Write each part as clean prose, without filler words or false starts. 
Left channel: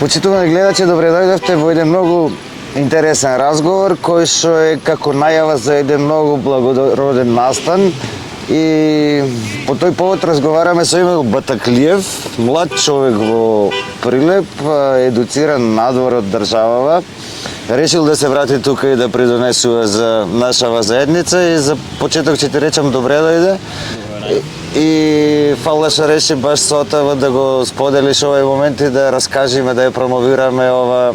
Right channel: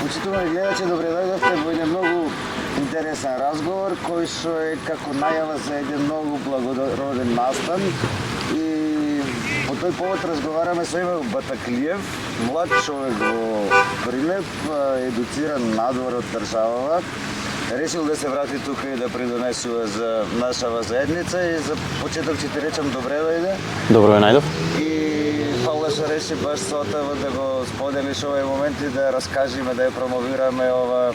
Почитувани гледачи, добре дојдовте во еден многу интересен разговор кој што е како најава за еден многу благороден настан. И по тој повод разговараме со Емил Батаклиев, млад човек во Прилеп, едуциран надвор од државава. Решил да се врати тука и да придонесува за нашава заедница и за почеток ќе ти речам добре дојде. Добро е најдов. И фала што реши баш со тоа да го споделиш овој момент и да раскажеме, да ја промовираме ова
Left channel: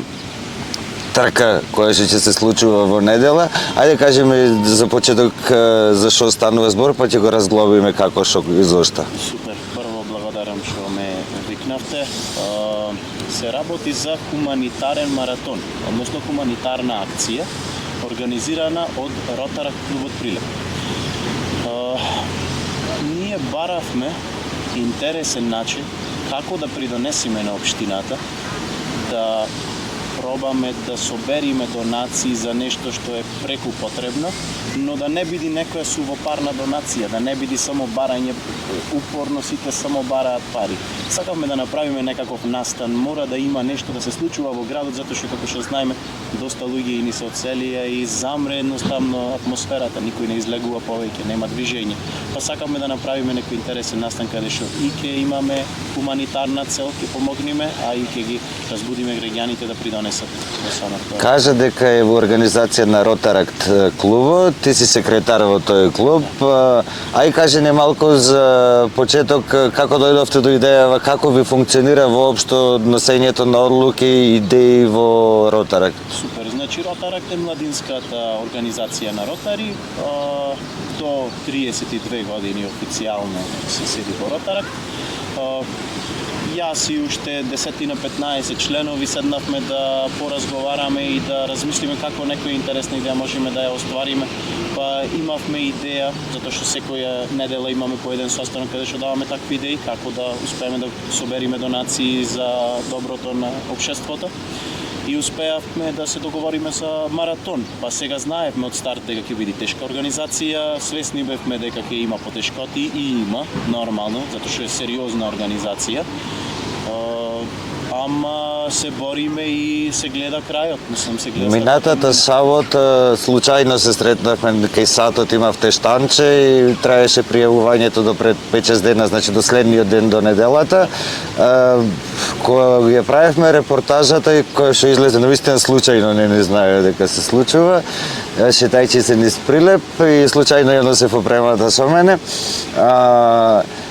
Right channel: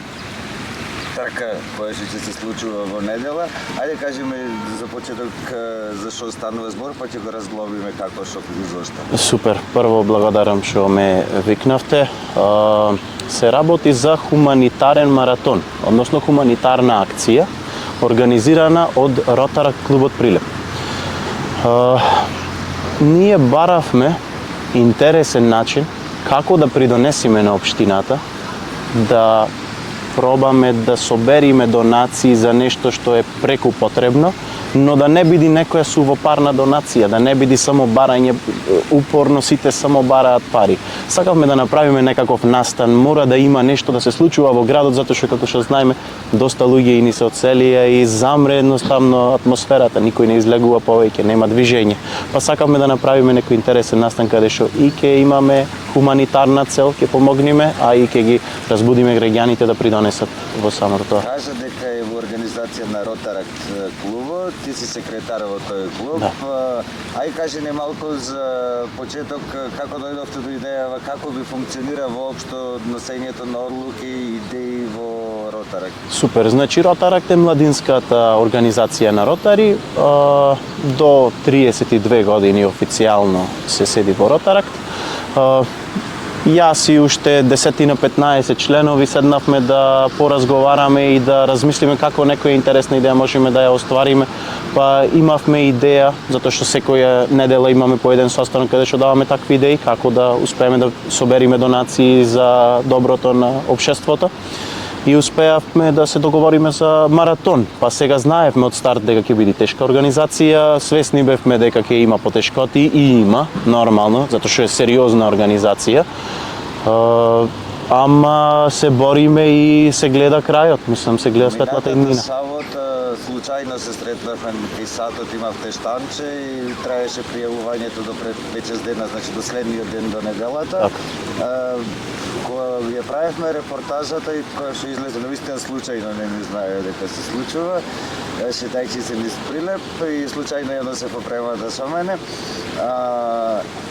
трка која ќе се случува во недела. Ајде кажеме за почеток за што станува збор, па ќе го разглобиме како што и зошто. Супер. Прво благодарам што ме викнавте. Се работи за хуманитарен маратон, односно хуманитарна акција организирана од Ротаракт клубот Прилеп. Ние баравме интересен начин како да придонесиме на општината, да пробаме да собериме донации за нешто што е преку потребно, но да не биде некоја сувопарна донација, да не биде само барање, упорно сите само бараат пари. Сакавме да направиме некаков настан, мора да има нешто да се случува во градот, затоа што како што знаеме, доста луѓе и ни се одселија и замре едноставно атмосферата, никој не излегува повеќе, нема движење. Па сакавме да направиме некој интересен настан каде што и ќе имаме хуманитарна цел, ќе помогнеме, а и ќе ги разбудиме граѓаните да придонесат во самото тоа. Кажа дека е во организација на Ротаракт клубот, ти си секретар во тој клуб. Да. Ај кажи не малку за почеток како дојдовте до идејава, како ви функционира воопшто носењето на одлуки и идеи во Ротаракт. Супер, значи Ротаракт е младинската организација на Ротари. До 32 години официјално се седи во Ротаракт. Јас и уште 10-15 членови седнавме да поразговараме и да размислиме како некоја интересна идеја можеме да ја оствариме. Па имавме идеја, затоа што секоја недела имаме по еден состанок каде што даваме такви идеи, како да успееме да собериме донации за доброто на општеството. И успеавме да се договориме за маратон. Па сега знаевме од старт дека ќе биде тешка организација, свесни бевме дека ќе има потешкоти и има, нормално, затоа што е сериозна организација. Ама се бориме и се гледа крајот, мислам се гледа Минатата сабота случајно се сретнавме кај сатот, имавте штанче и траеше пријавувањето до пред 5-6 дена, значи до следниот ден до неделата. Кога ја правевме репортажата и која што излезе навистина случајно, не знае дека се случува, шетајќи се низ Прилеп и случајно едно се попремата со мене.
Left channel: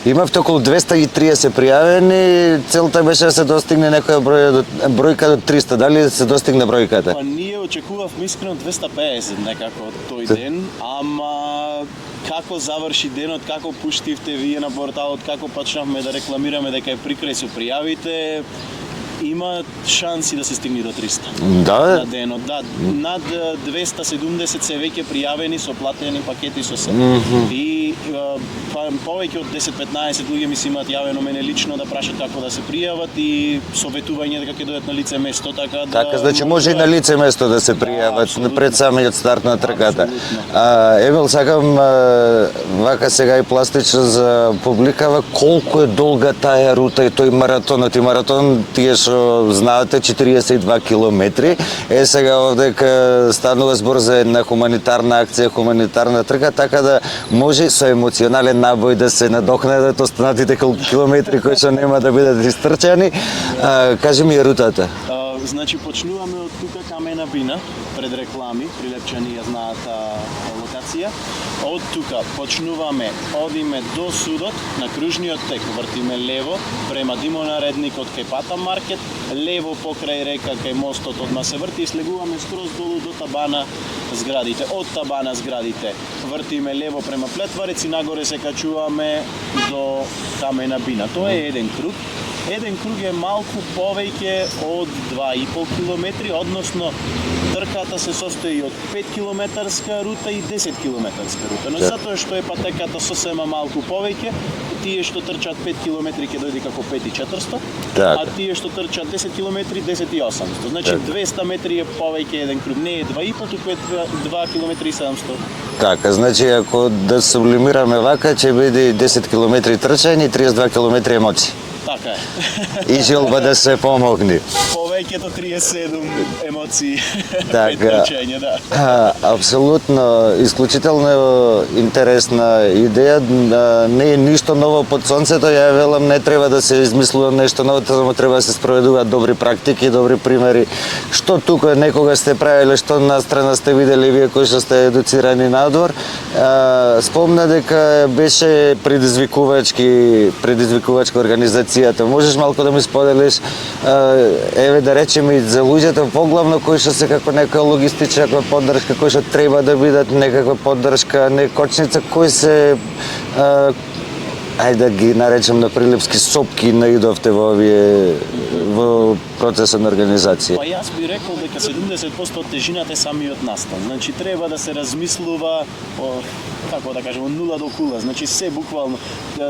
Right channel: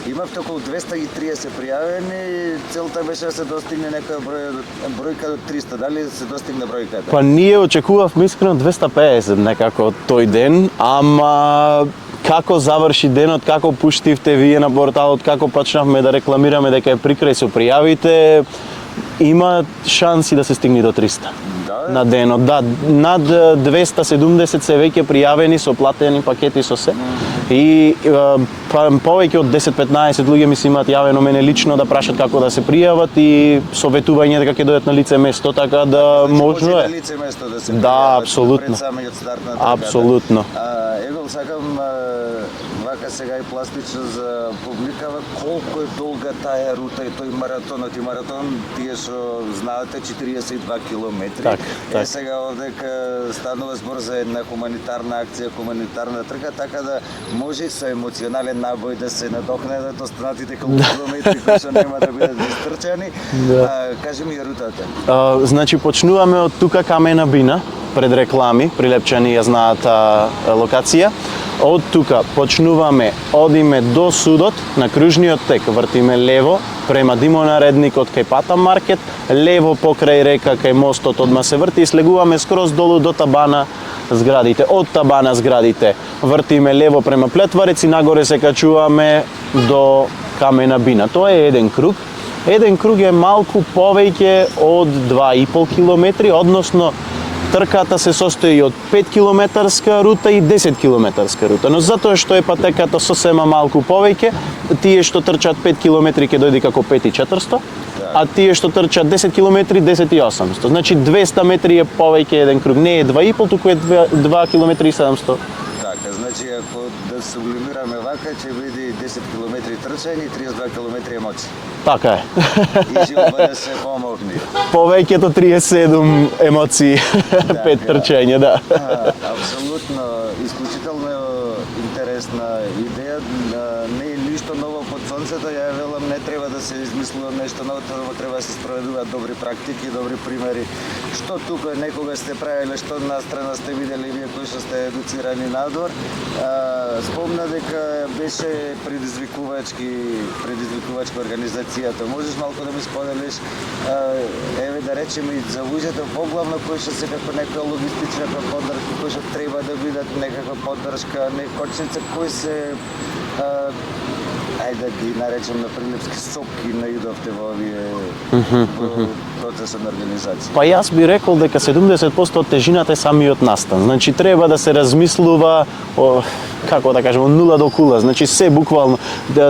Имавте околу 230 пријавени, целта беше да се достигне некоја бројка до 300. Дали се достигне бројката? Па ние очекувавме искрено 250 некако тој ден, ама како заврши денот, како пуштивте вие на порталот, како почнавме да рекламираме дека е прикрај со пријавите, има шанси да се стигне до 300 на денот. Да, над 270 се веќе пријавени со платени пакети со се. И повеќе од 10-15 луѓе ми се имаат јавено мене лично да прашат како да се пријават и советување дека ќе дојдат на лице место, така да значи може и на лице место да се пријават пред самиот старт на трката. Апсолутно. Емил, сакам вака сега и пластично за публикава колку е долга таа рута и тој маратонот. И маратон тие што знаете 42 километри. Сега овдека станува збор за една хуманитарна акција, хуманитарна трка, така да може со емоционален набој да се надокнадат останатите колку километри кои што нема да бидат истрчани. Кажи ми рутата. Значи почнуваме од тука Камена бина, пред реклами, прилепчани ја знаат локација. Од тука почнуваме, одиме до судот на кружниот тек, вртиме лево према димонаредникот кај Пата маркет, лево покрај река кај мостот одма се врти и слегуваме скроз долу до табана зградите. Од табана зградите вртиме лево према Плетварец и нагоре се качуваме до Камена бина. Тоа е еден круг. Еден круг е малку повеќе од 2,5 километри, односно трката се состои од 5 километарска рута и 10 километарска рута, но затоа што е патеката сосема малку повеќе, тие што трчат 5 километри ќе дојде како 5,400, а тие што трчат 10 километри 10,800. Значи 200 метри е повеќе еден круг, не е 2,5, туку е 2 километри и 700. Така, значи ако да сублимираме вака, ќе биде 10 километри трчање и 32 километри емоции. Така е. и желба да се помогне. Повеќето 37 емоции, 5 трчења, да. Апсолутно, исклучително интересна идеја. Не е ништо ново под сонцето, ја велам, не треба да се измислува нешто ново, само треба да се спроведуваат добри практики, добри примери. Што тука некога сте правиле, што настрана сте видели вие кои што сте едуцирани надвор. Спомна дека беше предизвикувачка организацијата. Можеш малку да ми споделиш, еве да речеме и за луѓето поглавно кои што се како некоја логистична поддршка, кои што треба да бидат некаква поддршка, некочница, кои се ајде да ги наречем на прилепски сопки наидовте во овие во процесот на организација? Па јас би рекол дека 70% од тежината е самиот настан. Значи треба да се размислува како да кажем, од нула до кула, значи се буквално.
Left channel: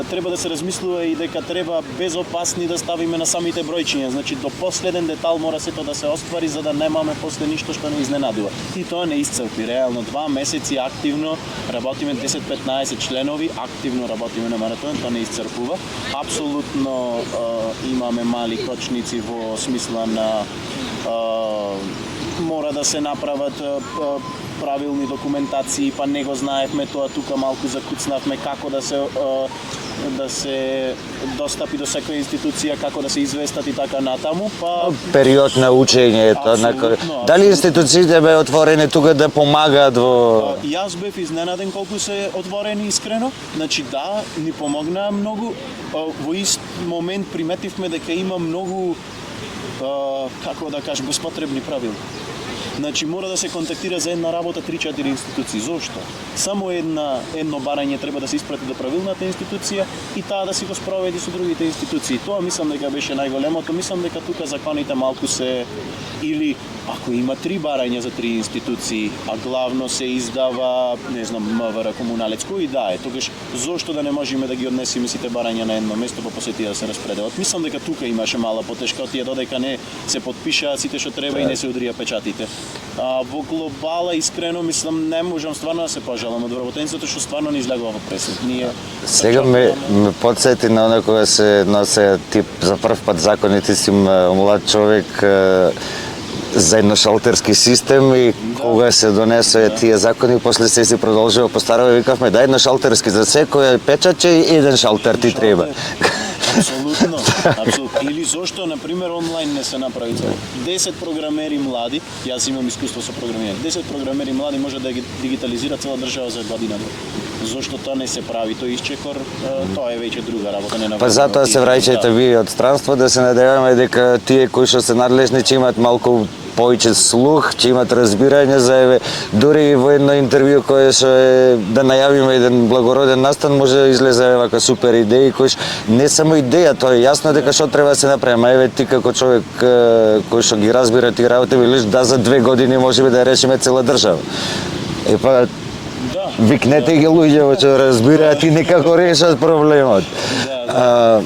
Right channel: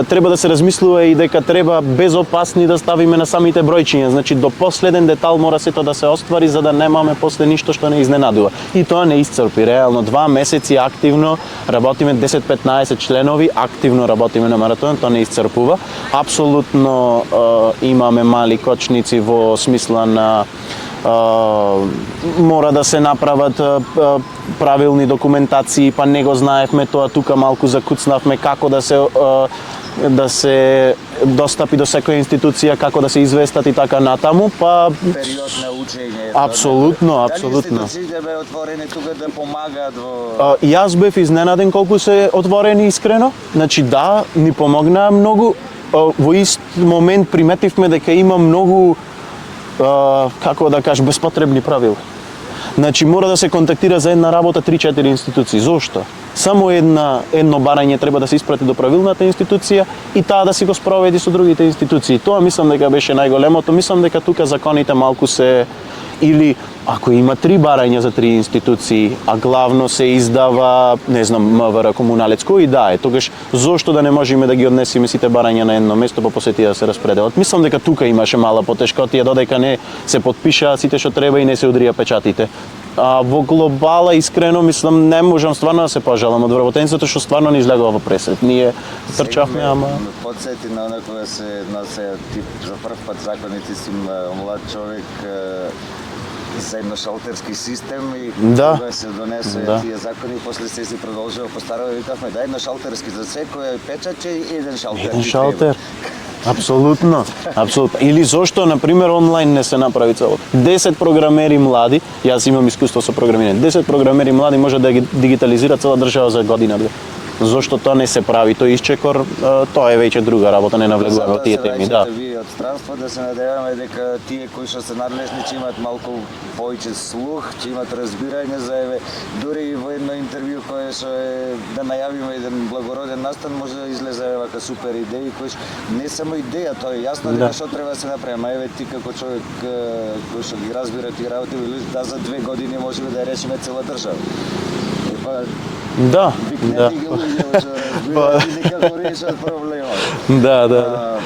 Треба да се размислува и дека треба безопасни да ставиме на самите бројчиња, значи до последен детал мора сето да се оствари за да немаме после ништо што не изненадува. И тоа не исцрпи, реално 2 месеци активно работиме 10-15 членови, активно работиме на маратон, тоа не исцрпува. Апсолутно имаме мали кочници во смисла на мора да се направат правилни документации, па не го знаевме тоа, тука малку закуцнавме како да се достапи до секоја институција, како да се известат и така натаму, па период на учење. Апсолутно. Дали институциите беа отворени тука да помагаат во... Јас бев изненаден колку се отворени искрено. Значи да, ни помогнаа многу. Во ист момент приметивме дека има многу како да кажам, безпотребни правила. Значи мора да се контактира за една работа 3-4 институции. Зошто? Само едно барање треба да се испрати до правилната институција и таа да си го спроведи со другите институции. Тоа мислам дека беше најголемото. Мислам дека тука законите малку се или ако има 3 барања за 3 институции, а главно се издава, не знам, МВР комуналец, кој да е, тогаш зошто да не можеме да ги однесеме сите барања на едно место, па после тие да се распределат. Мислам дека тука имаше мала потешкотија, додека не се потпишаа сите што треба и не се удрија печатите. Во глобала, искрено, мислам, не можам стварно да се пожалам од вработеницата што стварно не излегува во пресет. Ние сега ме подсети на оно кога се носе тип за прв пат законите си млад човек за едношалтерски систем и кога се донесе тие закони, после се продолжува по старо и викавме да едношалтерски за секој печатче и еден шалтер ти треба. Апсолутно, апсолутно. Или зошто, на пример, онлайн не се направи цело. 10 програмери млади, јас имам искуство со програмирање, 10 програмери млади може да ги дигитализира цела држава за година-две. Зошто тоа не се прави, тој исчекор, тоа е веќе друга работа, не навлезува. Затоа се враќате вие од странство, да се надеваме дека тие кои што се надлежни ќе имат малку повеќе слух, ќе имат разбирање за еве дури и во едно интервју кое што е да најавиме еден благороден настан, може да излезе вака супер идеи кои не само идеја, тоа е јасно дека што треба да се направи, ама еве ти како човек кој што ги разбира тие работи, велиш да за 2 години можеме да решиме цела држава. Епа да, викнете ги луѓе што разбираат и некако решат проблемот. Да.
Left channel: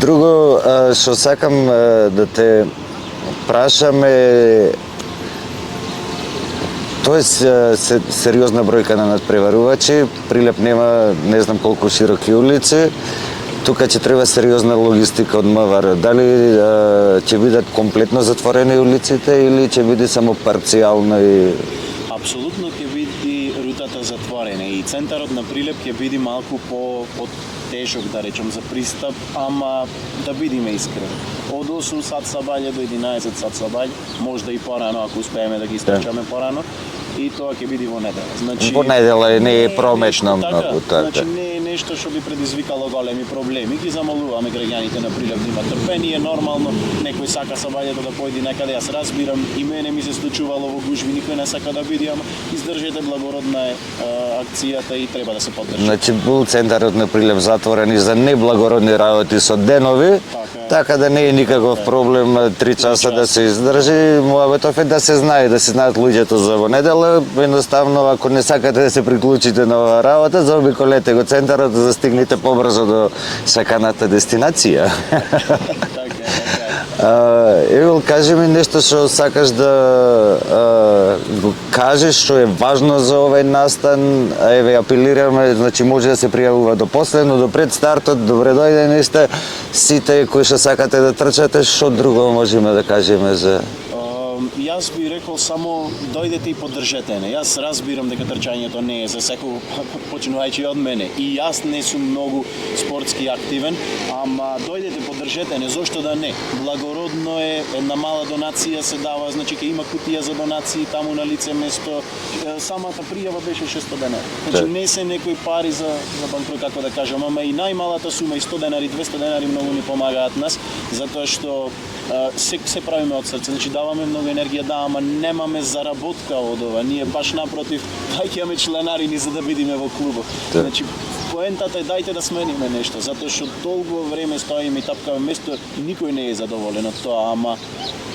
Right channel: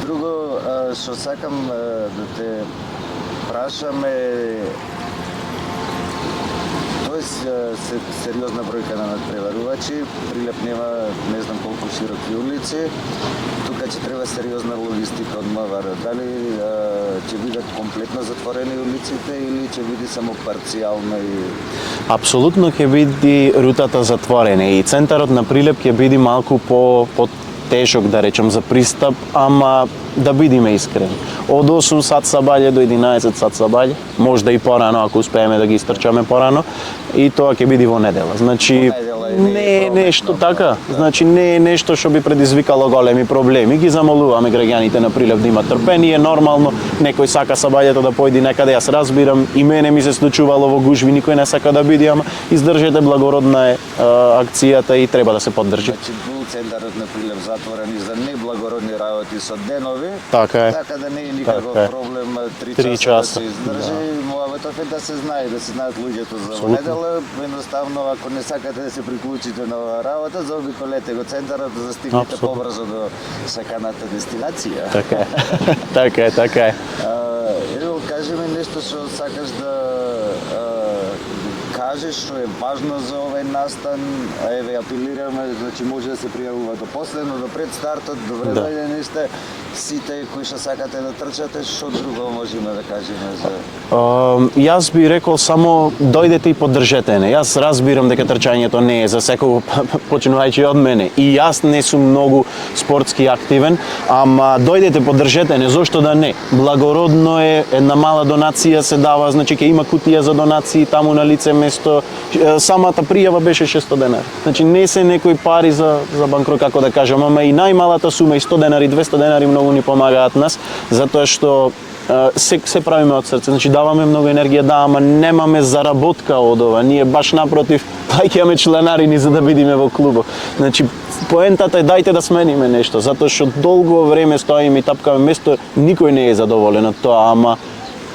Друго што сакам да те прашаме, тоа е сериозна бројка на надпреварувачи, Прилеп нема не знам колку широки улици, тука ќе треба сериозна логистика од МВР. Дали ќе бидат комплетно затворени улиците или ќе биде само парцијално и... Апсолутно ќе биде рутата затворена и центарот на Прилеп ќе биде малку по тешок, да речем, за пристап, ама да бидеме искрени. Од 8 сат сабаље до 11 сат сабаље, можда и порано ако успееме да ги истрчаме порано, и тоа ќе биде во недела. Значи во недела не е прометно. Така, значи не е нешто што би предизвикало големи проблеми. Ги замолуваме граѓаните на Прилеп да имат трпение, нормално, некој сака сабаљето да појде некаде, јас разбирам, и мене ми се случувало во гужви, никој не сака да биде, ама издржете, благородна е акцијата и треба да се поддржи. Значи бул центарот на Прилеп затворен и за неблагородни работи со денови, така да не е никаков проблем 3 часа да се издржи. Мојабетов е да се знае, да се знаат луѓето за во недела. Едноставно, ако не сакате да се приклучите на оваа работа, заобиколете го центарот да стигнете побрзо до саканата дестинација. Така е. Евел, кажи ми нешто што сакаш да го кажеш што е важно за овој настан, еве апелираме, значи може да се пријавува до последно, до пред стартот, добре дојдени сте сите кои што сакате да трчате, што друго можеме да кажеме за Јас би рекол само дојдете и поддржете не. Јас разбирам дека трчањето не е за секого, почнувајќи од мене. И јас не сум многу спортски активен, ама дојдете поддржете не, зошто да не? Благородно е, една мала донација се дава, значи ќе има кутија за донации таму на лице место. Самата пријава беше 600 денари. Значи не се некои пари за банкрот, како да кажам, ама и најмалата сума и 100 денари, 200 денари многу ни помагаат нас, затоа што се правиме од срце, значи даваме многу енергија, да, ама немаме заработка од ова. Ние баш напротив, плаќаме членарини за да бидеме во клубот. Значи поентата е дајте да смениме нешто, затоа што долго време стоиме и тапкаме место, никој не е задоволен од тоа, ама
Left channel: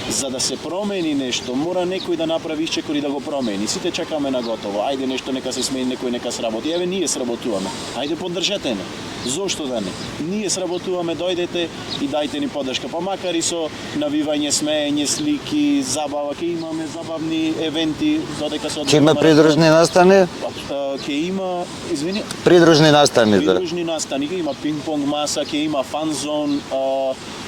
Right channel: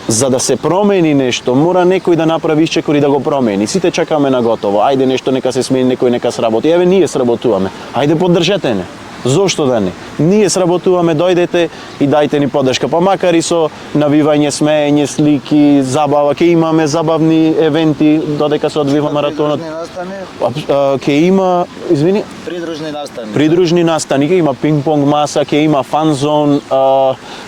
за да се промени нешто, мора некој да направи исчекор и да го промени. Сите чекаме на готово. Ајде нешто нека се смени, некој нека сработи. Еве ние сработуваме. Ајде поддржете не. Зошто да не? Ние сработуваме, дојдете и дајте ни поддршка. Па макар и со навивање, смеење, слики, забава, ќе имаме забавни евенти додека се одвива маратонот. Придружни настани? Ќе има, извини, Придружни настани. придружни настани, ќе има пинг-понг маса, ќе има фан зон,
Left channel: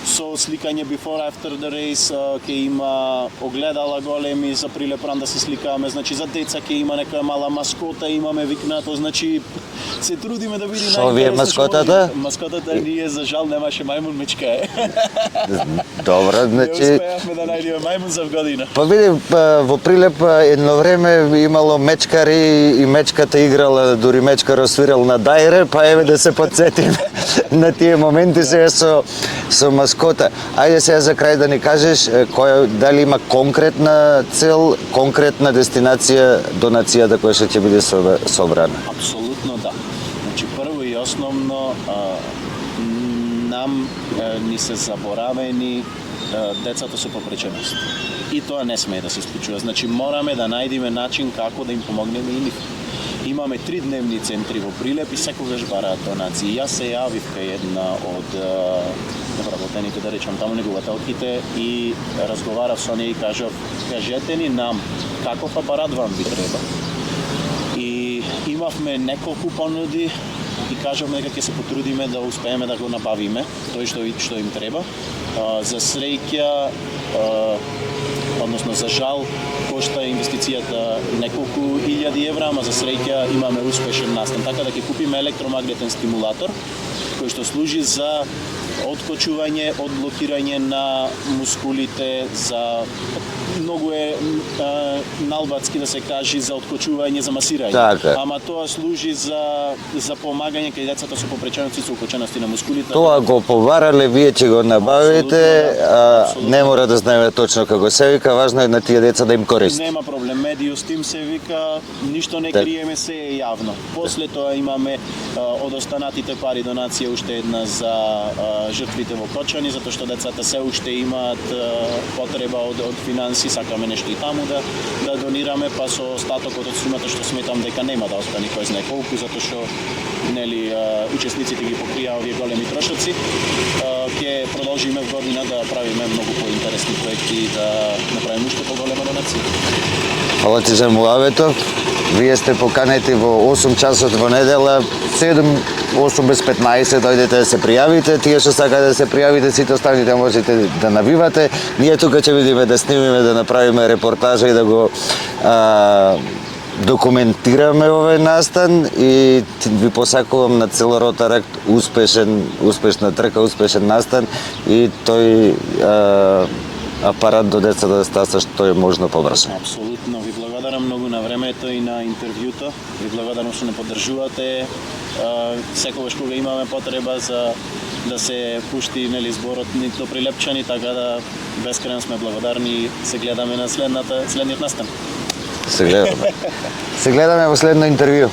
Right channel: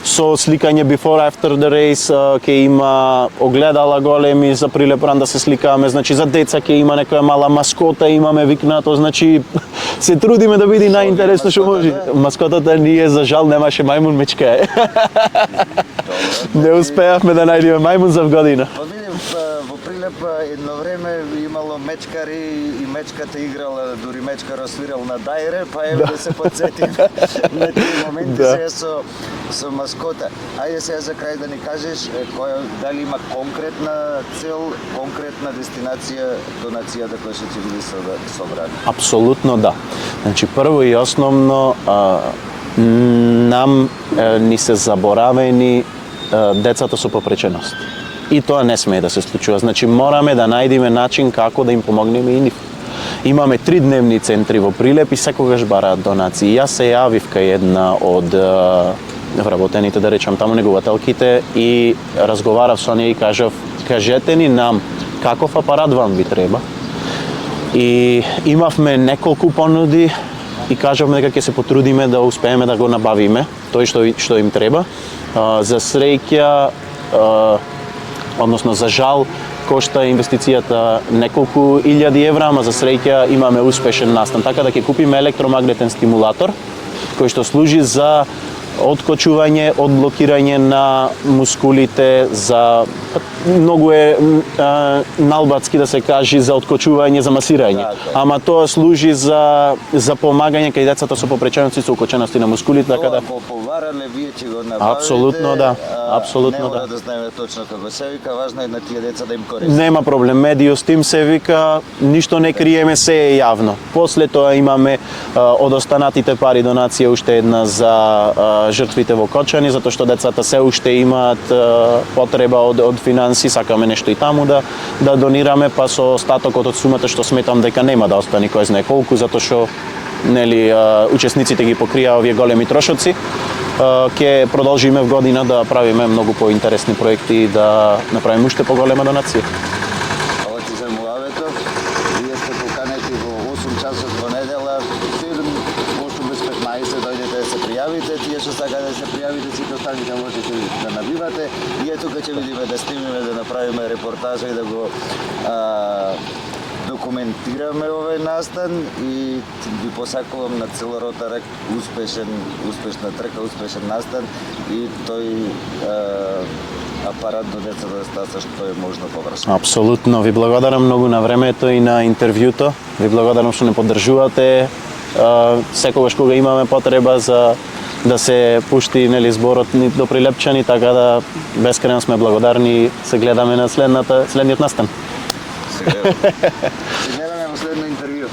со сликање before after the race, ќе има огледала големи за прилепран да се сликаме, значи за деца ќе има некоја мала маскота, имаме викнато, значи се трудиме да биде најинтересно што може. Маскотата ние за жал немаше мајмун, мечка е. Добро, Не успеавме да најдеме мајмун за година. Па види, во Прилеп едно време имало мечкари и мечката играла, дури мечкар освирал на дајре, па еве да се подсетиме на тие моменти сега со маскота. Ајде сега за крај да ни кажеш дали има конкретна цел, конкретна дестинација, донацијата која што ќе биде собрана. Апсолутно да. Значи прво и основно нам ни се заборавени децата со попреченост. И тоа не смее да се случува. Значи мораме да најдеме начин како да им помогнеме и нив. Имаме 3 дневни центри во Прилеп и секогаш бараат донации. Јас се јавив кај една од вработените, да речам, таму негователките и разговарав со неја и кажете ни нам каков апарат вам би треба. И имавме неколку понуди и кажавме дека ќе се потрудиме да успееме да го набавиме тој што им треба. За среќа, односно за жал, кошта инвестицијата неколку илјади евра, ама за среќа имаме успешен настан. Така да ќе купиме електромагнетен стимулатор кој што служи за откочување, одблокирање на мускулите, за многу е налбатски да се кажи за откочување, за масирање. Така. Ама тоа служи за помагање кај децата со попречености, со окочености на мускулите. Тоа го поварале, вие ќе го набавите, Апсолутно да. Апсолутно не мора да знаеме точно како се вика, важно е на тие деца да им користи. Нема проблем, медиус тим се вика, ништо не криеме, се е јавно. После тоа имаме од останатите пари донација уште една за жртвите во Кочани, затоа што децата се уште имаат потреба од финанси, сакаме нешто и таму да донираме, па со остатокот од сумата што сметам дека нема да остане кој знае колку, затоа што нели учесниците ги покрија овие големи трошоци. Ќе продолжиме в година да правиме многу поинтересни проекти и да направиме уште поголема донација. Фала ти за муавето. Вие сте поканети во 8 часот во недела, 8 без 15 дојдете да се пријавите, тие што сакаат да се пријавите, сите останите можете да навивате. Ние тука ќе видиме да снимиме, да направиме репортажа и да го документираме овој настан и ви посакувам на цел Ротаракт успешна трка, успешен настан и тој апарат до децата да стаса што е можно побрзо. Апсолутно, ви благодарам многу на времето и на интервјуто. Ви благодарам што не поддржувате секогаш кога имаме потреба за да се пушти нели зборот до Прилепчани, така да бескрено сме благодарни. Се гледаме на следниот настан. Се гледаме во следно интервју.